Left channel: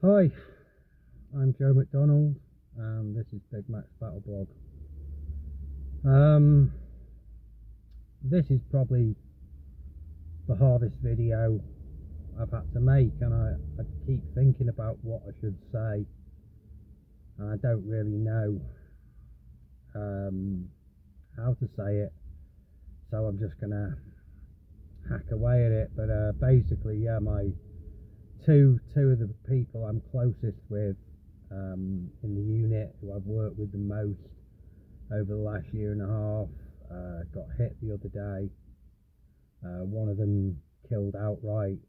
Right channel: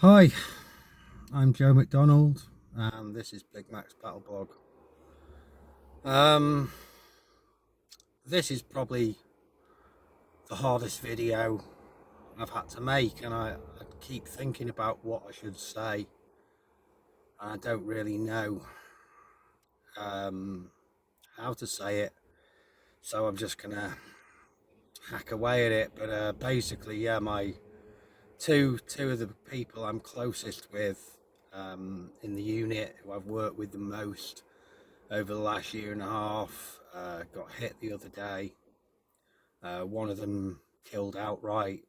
Hi, I'm Joe McDonald, and this is Big Mac's Battle Blog. Um, this is probably the hardest video I've had to make, and I keep thinking about what I should say, and I don't really know um, how to say it, so I'm just gonna hack away at it. But basically, yeah, my two of the people I'm closest with in the unit, who I've worked with the most over the last year and a half, got hit the other day. One of them killed outright.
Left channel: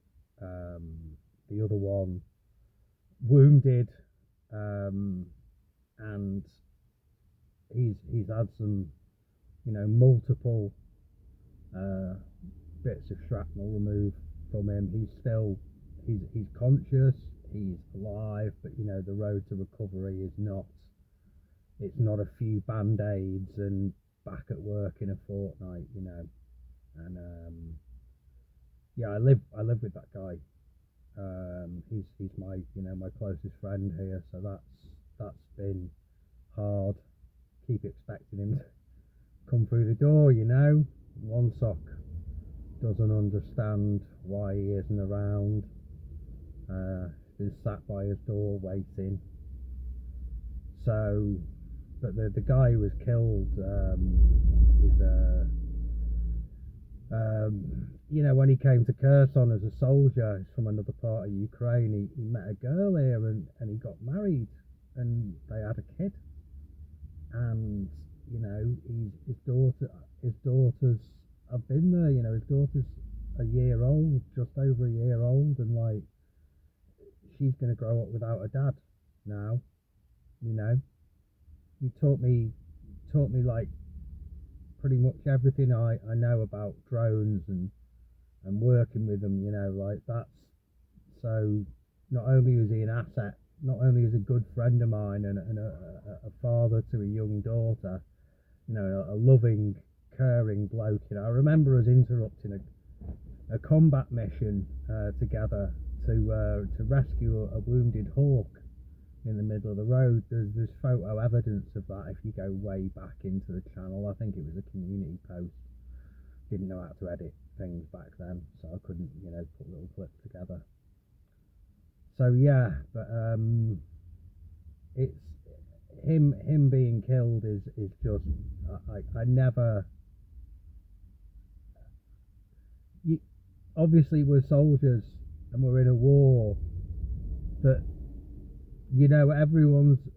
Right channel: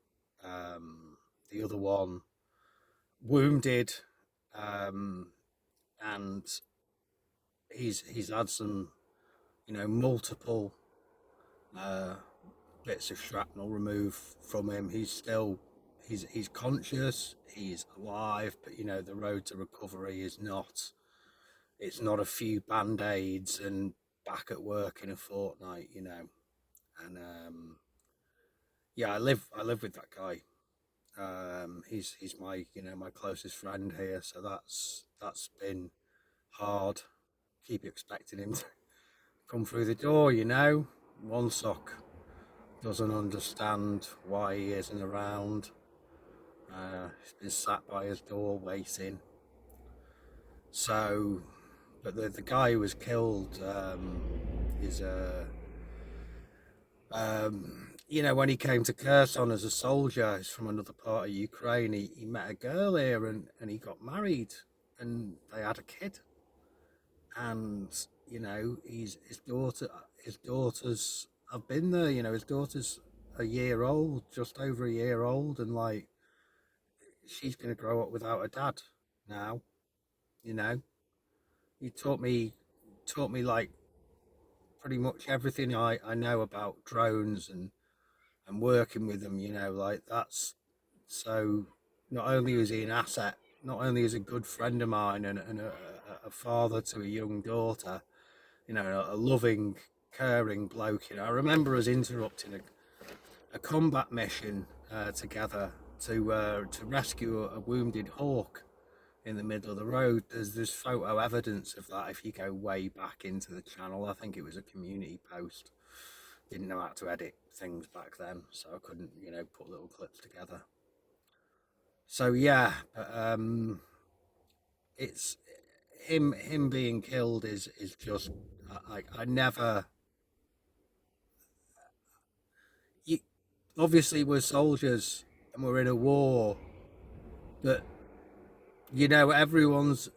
The other one wounded, and he's had some, multiple uh, bits of shrapnel removed from him. He's conscious. He's alive, but the road to recovery is not. It's not a few band-aids and back at work in a fortnight. And yeah, I live with that guy. He's my my closest friend here, so that's been hard. Keep expecting him to come through the door. One sock doesn't understand why he isn't around. He's been sat by his door waiting. So, but the guy who was killed is when he came to Kherson as a soldier, he's from another part of Ukraine. He met a girl here, and he got married, and they had a kid. And his daughters have been there. His daughter's a year old, just over a year old, and like she's gonna grow up without a dad now. You know, he taught me like pretty much everything I know about drones and working with them. Like that's so. Not only is he an asset, not only is a good friend of mine and a father to a young daughter, a loving, caring bloke. I remember us interrupting a combat mission together to rescue a wounded hawk in the middle of the road. There's photo evidence of that if you go way back into the channel. I think it was a community post. Didn't know how to edit things back then, so I couldn't put little clips together. So yeah, but it's him being killed is just I never. You obviously we're soldiers and we're in a war, but everyone's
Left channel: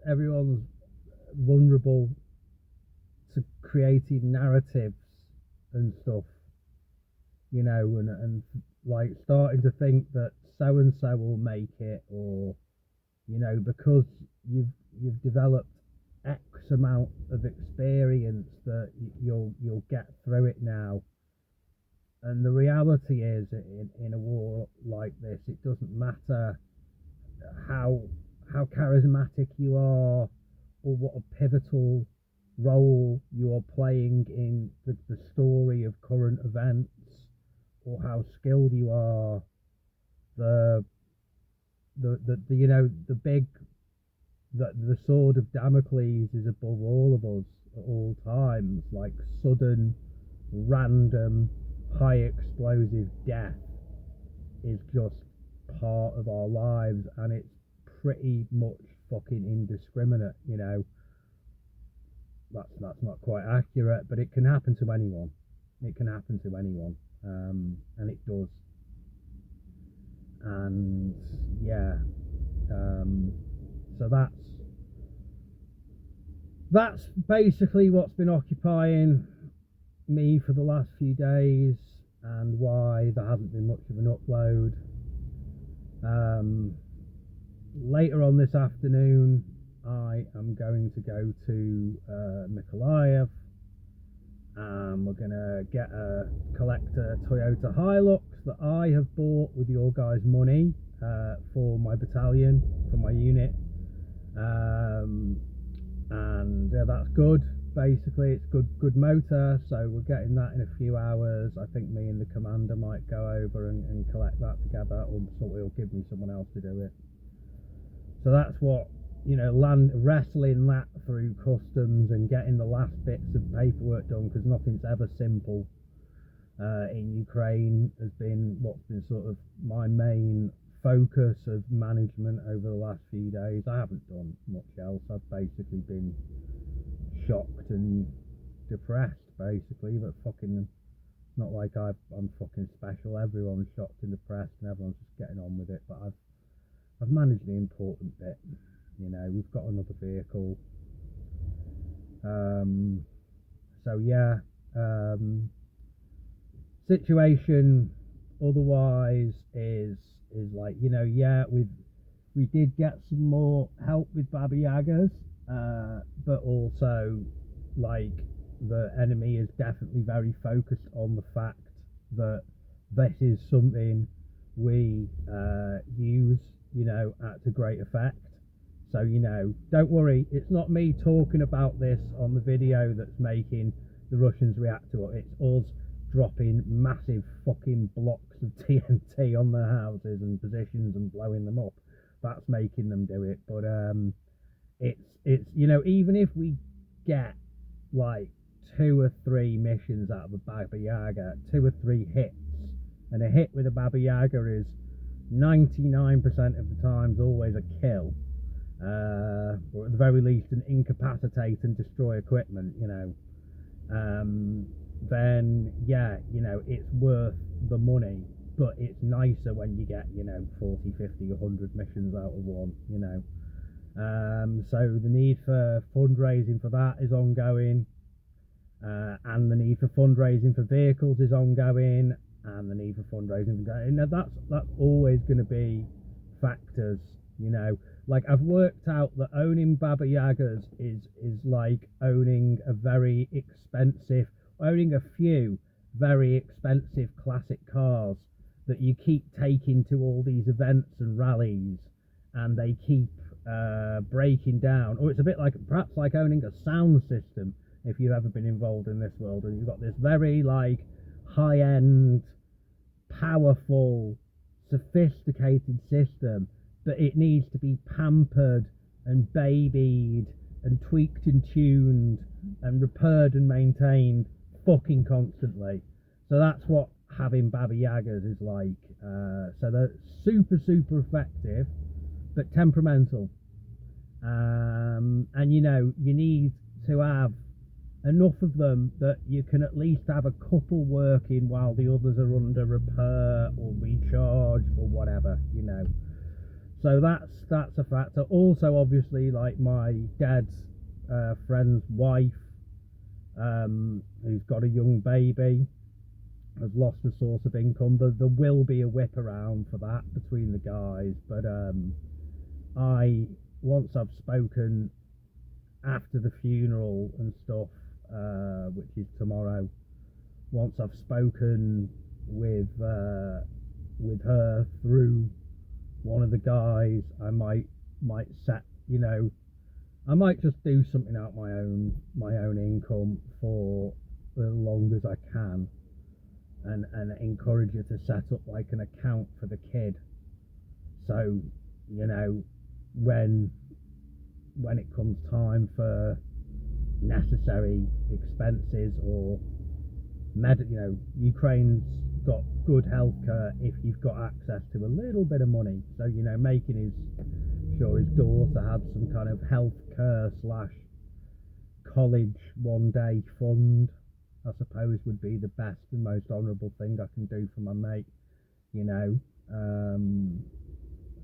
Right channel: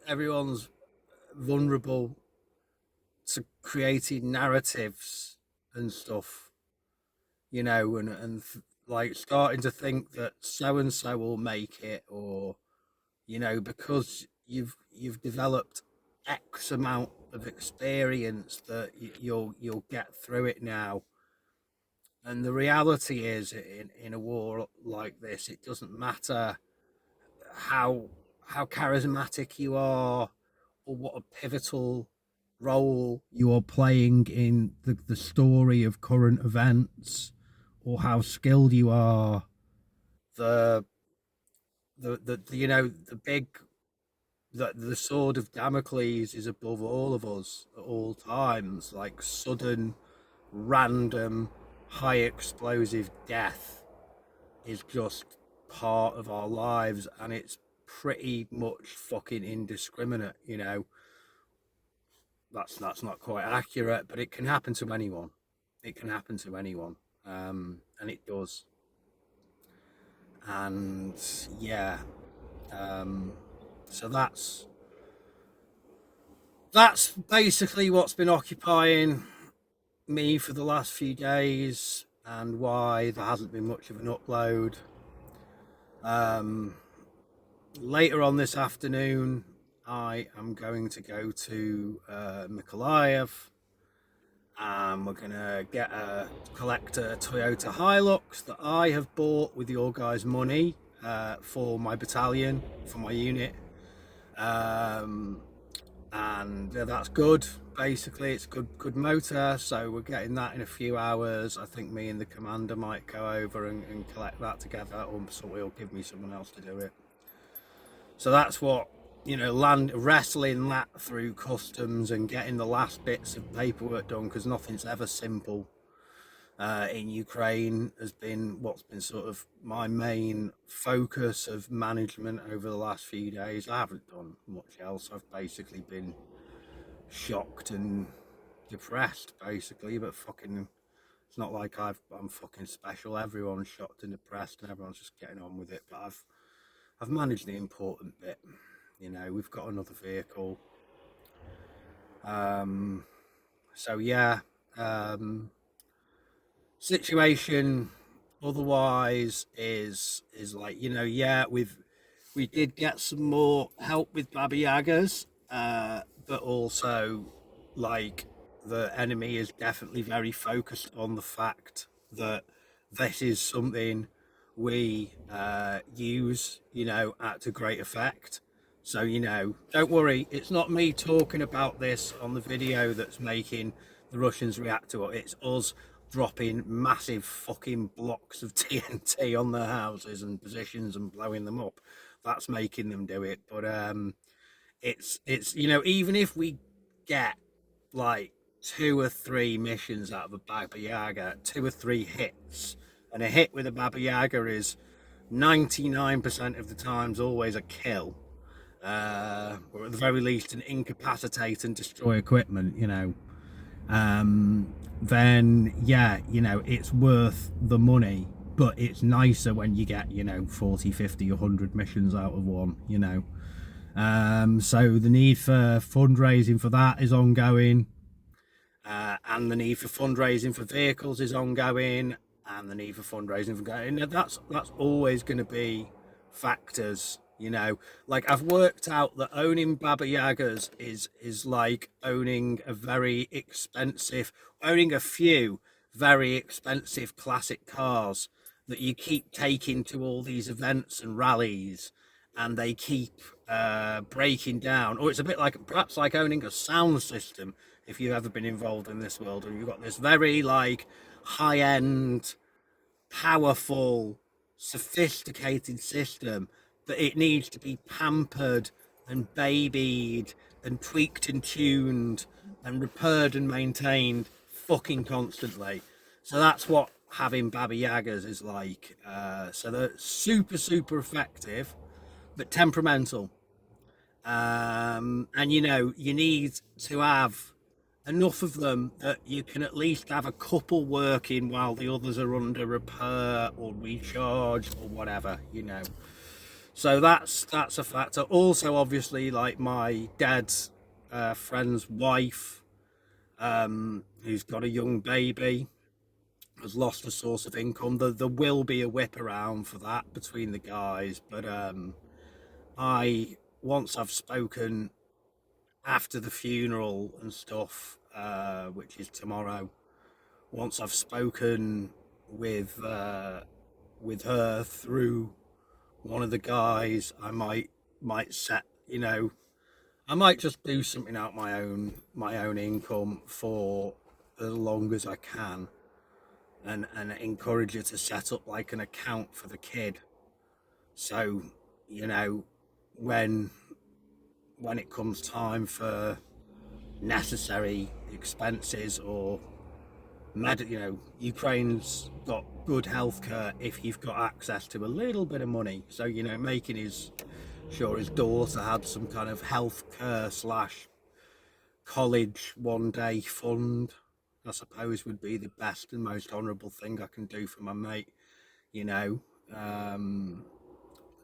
vulnerable to creating narratives and stuff, and like starting to think that so and so will make it, or because you've developed X amount of experience that you'll get through it now. And the reality is, in a war like this, it doesn't matter how charismatic you are, or what a pivotal role you are playing in the story of current events, or how skilled you are. The sword of Damocles is above all of us at all times. Like sudden, random, high explosive death is just part of our lives, and it's pretty much fucking indiscriminate. That's not quite accurate, but it can happen to anyone. It can happen to anyone, and it does. And yeah, so that's basically what's been occupying me for the last few days, and why there hasn't been much of an upload. Later on this afternoon, I am going to go to Mykolaiv. We're gonna collect a Toyota Hilux that I have bought with your guys' money for my battalion, for my unit, and that's good. Basically, it's good motor, so we're getting that in a few hours. I think me and the commander might go over and collect that together, or somebody will give me someone else to do it. So that's what, you know, wrestling that through customs and getting the last bits of paperwork done, because nothing's ever simple in Ukraine, has been what's been sort of my main focus of management over the last few days. I haven't done much else. I've basically been shocked and depressed, basically, but fucking, it's not like I'm fucking special. Everyone's shocked and depressed and everyone's just getting on with it, but I've managed the important bit. You know, we've got another vehicle. So yeah, situation otherwise is like, you know, yeah, we did get some more help with Baba Yagas, but also, like, the enemy is definitely very focused on the fact that this is something we use, you know, to great effect. So, you know, don't worry, it's not me talking about this on the video that's making the Russians react to it. It's us dropping massive fucking blocks of TNT on their houses and positions and blowing them up. That's making them do it. But it's you know, even if we get like 2 or 3 missions out of a Baba Yaga, 2 or 3 hits, and a hit with a Baba Yaga is 99% of the times always a kill, or at the very least an incapacitate and destroy equipment, you know, then yeah, you know, it's worth the money. But it's nicer when you get, you know, 40, 50, 100 missions out of one, you know. So the need for fundraising for that is ongoing, and the need for fundraising for vehicles is ongoing, and the need for fundraising for going. That's always going to be factors, you know. Like, I've worked out that owning Baba Yagas is like owning a few very expensive classic cars that you keep taking to all these events and rallies, and they keep breaking down. Or it's a bit like, perhaps like owning a sound system, if you've ever been involved in this world, and you've got this very like high-end, powerful, sophisticated system, but it needs to be pampered and babied and tweaked and tuned and repaired and maintained fucking constantly. So that's what having Baba Yagas is like. So they're super effective, but temperamental, and you know, you need to have enough of them that you can at least have a couple working while the others are under repair or recharge or whatever, you know. So that's a factor. Also, obviously, like, my dad's friend's wife, who's got a young baby, has lost a source of income. There will be a whip around for that between the guys, but once I've spoken after the funeral and stuff, which is tomorrow, once I've spoken with her through one of the guys, I might set, you know, I might just do something out my own income for as long as I can, and encourage her to set up like an account for the kid, so, you know, when it comes time for necessary expenses or you know, Ukraine's got good healthcare if you've got access to a little bit of money. So, you know, making sure his daughter had some kind of healthcare / college one day fund, I suppose, would be the best and most honourable thing I can do for my mate, you know.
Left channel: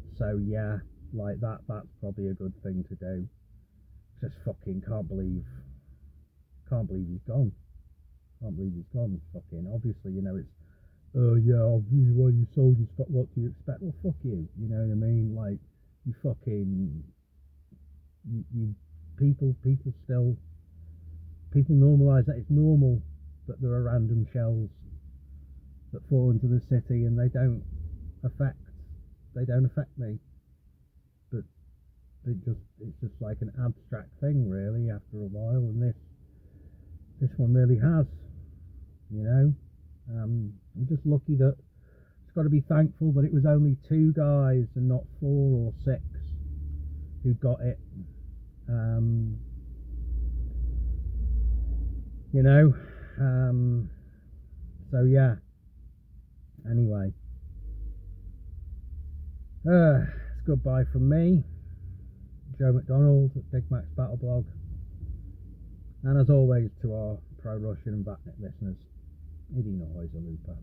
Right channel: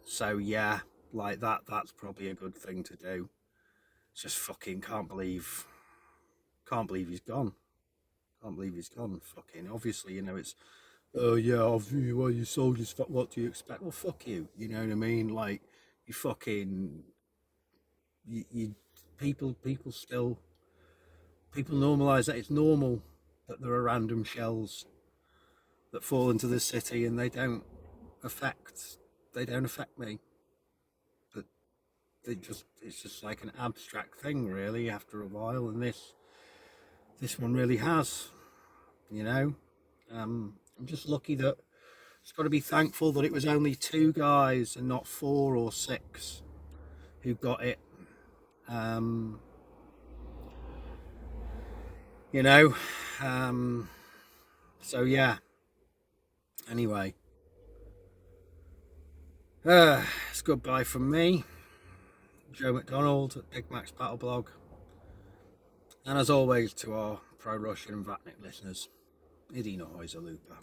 So yeah, like that's probably a good thing to do. Just fucking can't believe he's gone. Can't believe he's gone. Fucking obviously, you know, it's, oh yeah, obviously, well, you soldiers, what do you expect? Well, fuck you, you know what I mean? Like, you fucking, you people normalise that it's normal that there are random shells that fall into the city, and they don't affect me, but it's just like an abstract thing really after a while, and this one really has, you know. I'm just lucky that, it's got to be thankful that it was only 2 guys and not 4 or 6, who got it. You know, so yeah. Anyway, it's goodbye from me, Joe McDonald at Big Mac's Battle Blog, and as always to our Pro Russian and Vatnik listeners, Idina Heuser Lupa.